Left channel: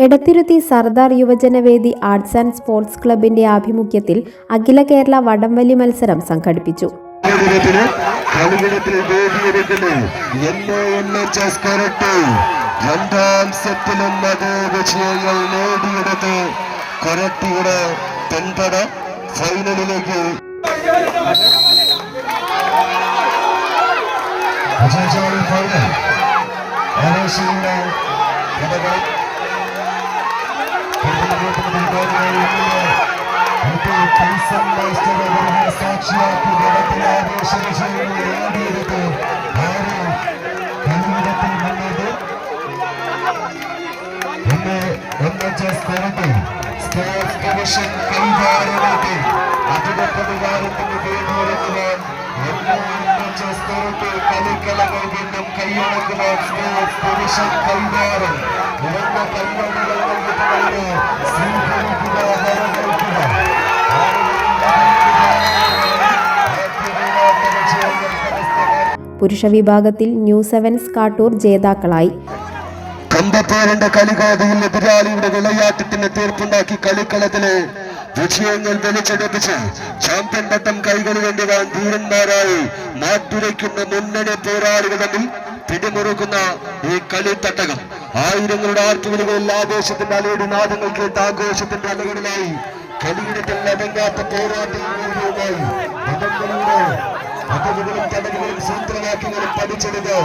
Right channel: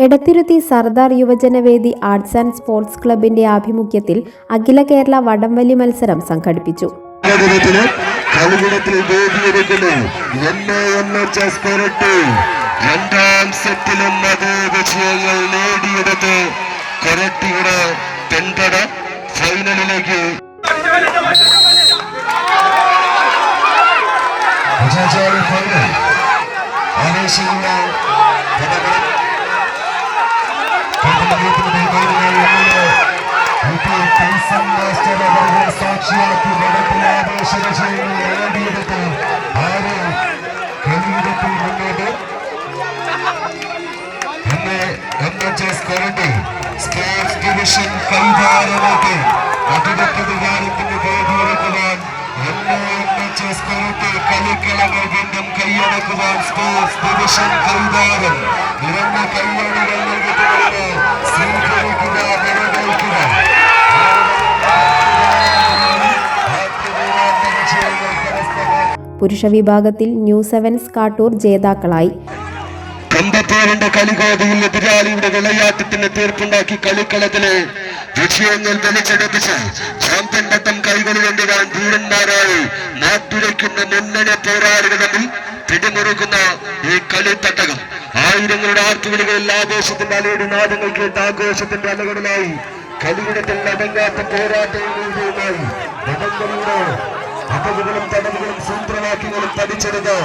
Edathiruthy Sardar Yuvajanavedi arts and sports ക്ലബിന്റെ ആഭിമുഖ്യത്തിൽ അഖില കേരള വടംവലി മത്സരം സംഘടിപ്പിച്ചു. രണ്ടാം നേടിയെടുത്ത് കൊരട്ടിയുടെ ഫൈനലിലേക്ക്. ഫൈനൽ സാക്ഷിയാക്കി ആവേശ വിജയങ്ങൾ നേടിയെടുത്ത് ആര് മുന്നേറി എന്നെ N H S Koratty sports division കളിക്കളങ്ങൾ വീണ്ടും കൈയടക്കുവാൻ സ്പോർട്സ് ഡിവിഷൻ കൈതാരം ഇവന്ന കൈയടങ്ങൾ നൽകിയിട്ടുള്ളത് പുരുഷ വിഭാഗത്തിൽ ന്യൂ സെവൻസ് കാട്ടൂർ ജേതാക്കളായി. കമ്പപ്പോരന്റെ കളികോതയിൽ എതിരാളിയുടെ വിളയാട്ടത്തിന് തീർപ്പുണ്ടാക്കി കളിക്കളത്തിലെ വിജയങ്ങൾ വലിച്ചെടുപ്പിച്ച് ചാമ്പ്യൻ പട്ടം കൈകളിൽ എന്തുവാൻ ധീരന്മാരായി മാറ്റുരയ്ക്കുന്ന മുന്നണി പോരാളികൾ തമ്മിൽ പിടിമുറുക്കുന്ന ഈ കളിത്തട്ടകം. ആയിരങ്ങളുടെ ആർത്തുവിളികളിൽ ആഘോഷത്തിന്റെ അലയുടെ നാദങ്ങൾ കേട്ട് ആഘോഷത്തിന്റെ അലകളിലായി കളിയിടത്തിൽ അടങ്ങാത്ത പോരാട്ടങ്ങളുമായി അതവുകളും തടവുകളും സൂത്രവാക്യങ്ങളും പഠിച്ചെടുത്ത്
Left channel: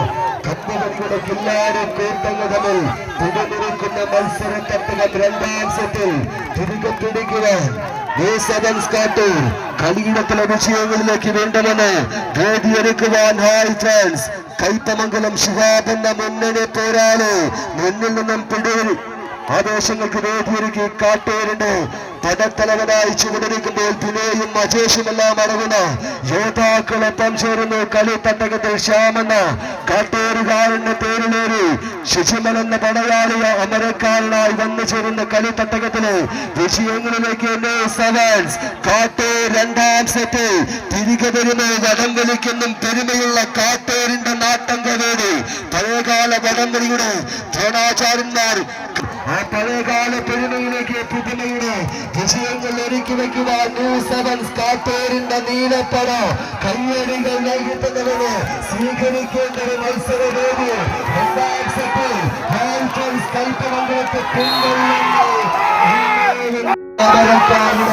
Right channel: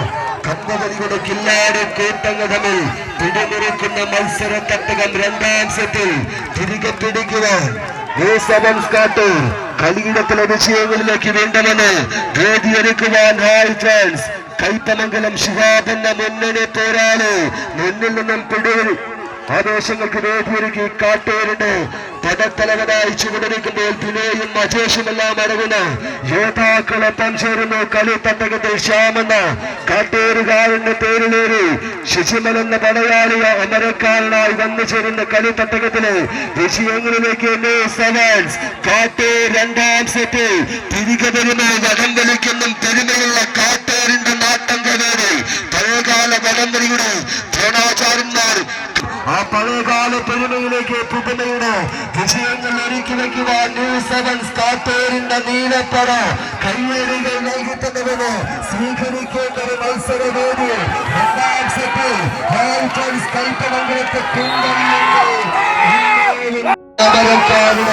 കമ്പവലിയുടെ കില്ലാടി കൂട്ടങ്ങൾ തമ്മിൽ പിടിമുറിക്കുന്ന മത്സര തട്ടകം രണ്ടാം സെറ്റിൽ തിരികെ പിടിക്കുവാൻ കളിയിടത്തിലെ വിഷയങ്ങളിലേക്ക് വീണ്ടുമെന്ന് വേദിയൊരുക്കുവാൻ ഹായ് ഫ്രണ്ട്സ്. കൈപ്പമംഗലം ശിഹാബ് എന്ന മുന്നണി പോരാളി. മുന്നിൽ നിന്നും പിടിയിൽ ആവേശങ്ങൾക്ക് വേദിയൊരുക്കി കാട്ടൂരിന്റെ പടത്തലവനായി ചുവടിരിക്കുമ്പോൾ പുനേയും അടങ്ങുന്ന യോദ്ധാക്കളൊപ്പം ചേർന്നു കളിത്തട്ടകത്തിൽ ശ്യാമെന്ന കാട്ടേരുകാരന് പേരിലേറി ശശിമൽ എന്ന പടയാളിയ അമരക്കാരനായി വന്നു ചേരുന്ന കളിത്തട്ടകത്തിലെ വിജയങ്ങളിലേക്ക് സെവൻസ് കാട്ടൂർ രണ്ടാം സെറ്റിൽ തിരികെ വരുമായി വടം വലിക്കുന്നു പെരുമയുള്ള കാട്ടൂരിന്റെ നാട്ടം കവേറി പഴയകാല വടംവലിയുടെ ദ്രോണാചാര്യന്മാർ ആ പഴയകാല പെരുമയിലേക്ക് പുതുമയുടെ വിജയങ്ങൾ ഒരുക്കി വയ്ക്കുവാൻ ന്യൂ സെവൻസ് കാട്ടൂരിന്റെ നീലപ്പട കയ്യേറികൾ നൽകിത്തന്നവന് സ്വീകരിക്കേണ്ട ഒരു മത്സരവേദി രണ്ടാം സെറ്റിൽ ഹാൽഫൻസ് കൽപ്പമംഗലത്തെ കുണ്ടലിന്റെ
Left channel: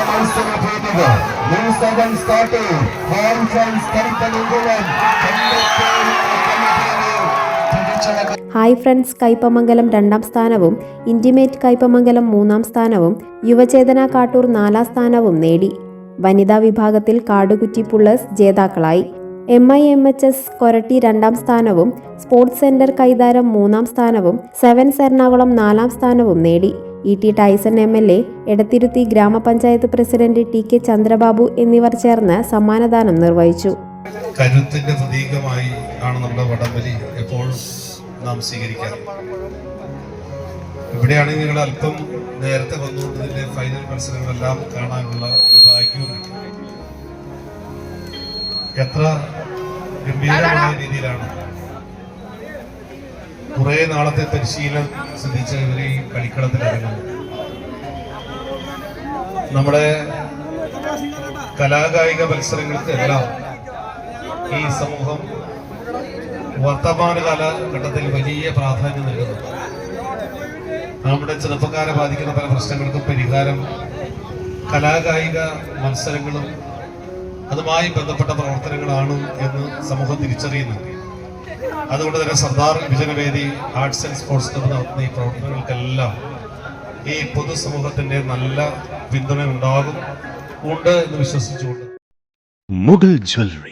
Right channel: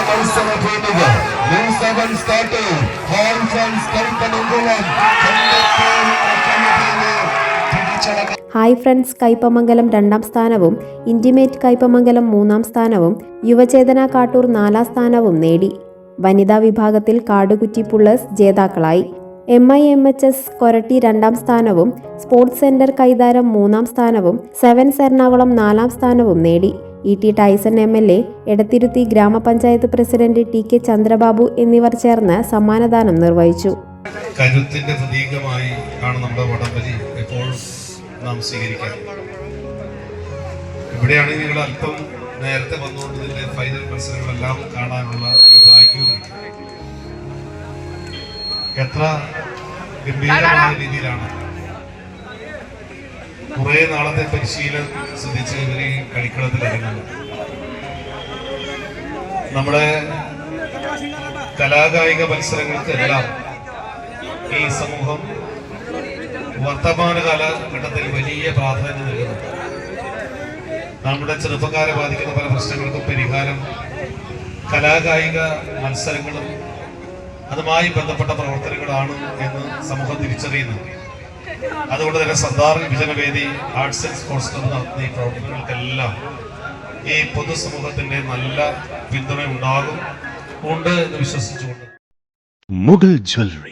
മത്സര ഭൂമിക ന്യൂ സെവൻസ് കാട്ടൂർ ഹാൽഫൻസ് കൽപ്പമംഗലം കണ്ടെത്തേരുന്ന കലഭൂമി പിടിച്ചടക്കി ഹായ് ഫ്രണ്ട്സ് കൈപ്പമംഗലം രണ്ടാം സ്ഥാനവും ഇന്റിമേറ്റ് കൈപ്പമംഗലം മൂന്നാം സ്ഥാനവും യുവചേതന കാട്ടൂർ നാലാം സ്ഥാനവും നേടി. വനിതാ വിഭാഗത്തിൽ കാടുകുറ്റി പുള്ളേഴ്സ് ജേതാക്കളായി. M I M H S Koratty രണ്ടാം സ്ഥാനവും സ്പോർട്സ് സെന്റർ കൈതാരം മൂന്നാം സ്ഥാനവും സെവൻസ് എറണാകുളം നാലാം സ്ഥാനവും നേടി. E T Tyson M L A Edathiruthy ഗ്രാമപഞ്ചായത്ത് പ്രസിഡന്റ് ടി കെ ചന്ദ്രബാബു എന്നിവർ ചേർന്ന് സമ്മാനദാനം നിർവഹിച്ചു. കരുത്തിന്റെ നമ്മുടെ നാം സ്വീകരിക്കാം. ഇവിടെയാണ് നിങ്ങൾ അല്പം നേരത്തെ വന്നുകൊണ്ടതിന്റെ ഫൈനൽ മത്സരങ്ങളെല്ലാം കാണാനുള്ള ഒരു ഭാഗ്യവും എത്ര ഗംഭീരമായ രീതിയിലാണ് കുറെ നാളത്തെ പരിശീലനം സിദ്ധിച്ച് ഇവർ കളിക്കളത്തിൽ ഇറങ്ങുന്നത്. നമ്മുടെ കലാകായിക മത്സരങ്ങൾക്കെല്ലാം ഈ സമൂഹം വർത്തമാന കാലഘട്ടത്തിൽ വലിയ പ്രാധാന്യം നൽകുന്നു. നമ്മുടെ ചെറുപ്പക്കാരെ ബാധിക്കുന്ന പല പ്രശ്നങ്ങൾക്കും പരിഹാരം കലാകായിക മത്സരങ്ങളും അതുമായി ബന്ധപ്പെട്ട പ്രവർത്തനങ്ങളാണ് എന്ന് സമൂഹം തിരിച്ചറിയുന്നു. അതുകൊണ്ട് തന്നെ സർദാർ വിഭജനവേദി ആർട്സ് ആൻഡ് സ്പോർട്സ് ക്ലബ് നടത്തുന്ന ഈ പ്രവർത്തനങ്ങൾക്കെല്ലാം ഈ പൊതുസമൂഹത്തിന്റെ നല്ല പിന്തുണ ഉണ്ടാകും ഉണ്ട് എന്ന് വിശ്വസിച്ചുകൊണ്ട്. മുഗൾ ജ്വല്ലറി.